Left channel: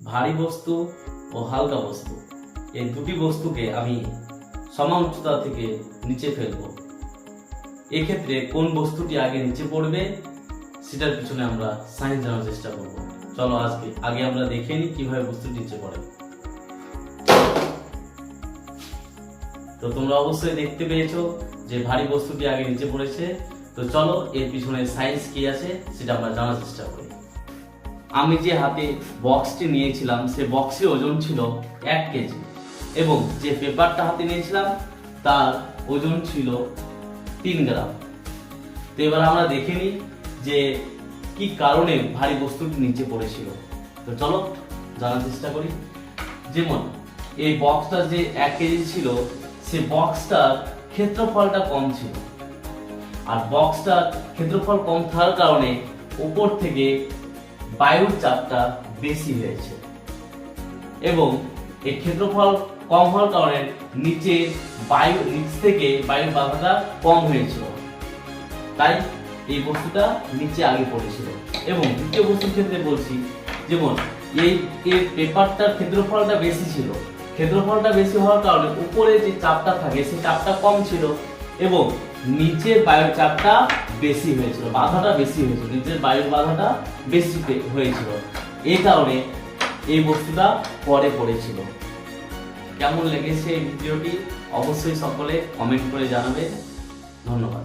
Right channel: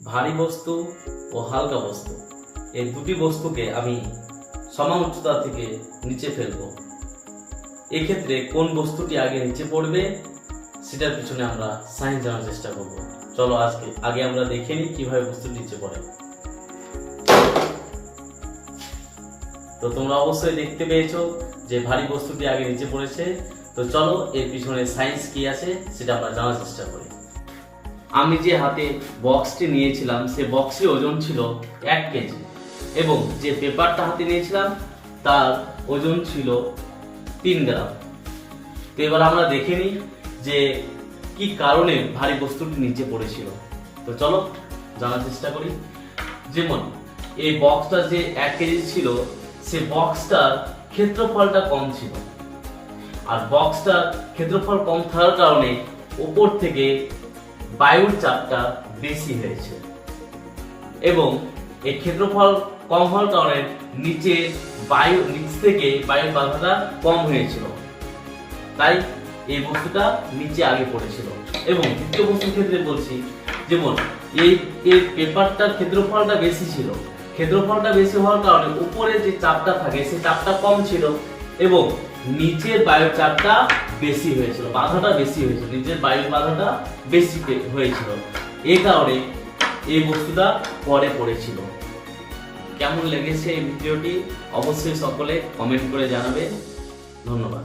ভারী বস্তু ও হালকা বস্তু এই দুটি বস্তুকে আমি সমান উচ্চতা থেকে নিচে ফেলবো। এক্ষেত্রে কোন বস্তুটি আগে নিচে পড়বে সেটার পিছনে আমরা সায়েন্স জানার চেষ্টা করব। চলো আগে আমরা দেখে নিই কিভাবে বস্তুটি নিচে পড়ে। তো তোমরা অবশ্যই দেখতে পেয়েছো যে ভারী বস্তুটি আগে নিচে পড়েছে। তো চলো এর পিছনে সায়েন্স কি আছে সেটা আমরা জানার চেষ্টা করি। আমি যে হাতে বক্সটি নিয়েছিলাম সে বক্সের ওজন ছিল 1 কেজি এবং যে পেপারটা হাতে নিয়েছিলাম তার ওজন ছিল 3 গ্রাম। তো এবার আমরা দেখে নিই যে কি কারণে ভারী বস্তুটি নিচে পড়েছিল। তো চলো জানার চেষ্টা করি। যেমন এই বক্সটা যে 1 কেজি ছিল সে বক্সটার ক্ষেত্রফলটা কম ছিল, আর বক্সটার ক্ষেত্রফল কম থাকার কারণে উপর থেকে বায়ুর চাপটা বেশি হয়েছে এবং এই ক্ষেত্রফল কম হওয়ার কারণে নিচ থেকে বায়ুর বাধাটা কম হয়েছিল, তাই এই বস্তুটা নিচে আগে পড়েছিল। এবং দ্বিতীয় বস্তুর ক্ষেত্রে বলছি, যেমন এই পেপারটার ক্ষেত্রফলটা বেশি ছিল, ক্ষেত্রফলটা বেশি হওয়ার কারণে উপরে যে চাপটা থাকে সেই চাপটা কম ছিল এবং নিচের বায়ুর চাপটা বেশি হয়েছিল, বাধাটা বেশি হয়েছিল, নিচের বায়ুর বাধাটা বেশি হয়েছিল। এই কারণে এই বস্তুটা পরে পড়েছিল। কেমন লেগেছে এই ভিডিওটি অবশ্যই সকলে কমেন্ট করে জানাবে। ধন্যবাদ।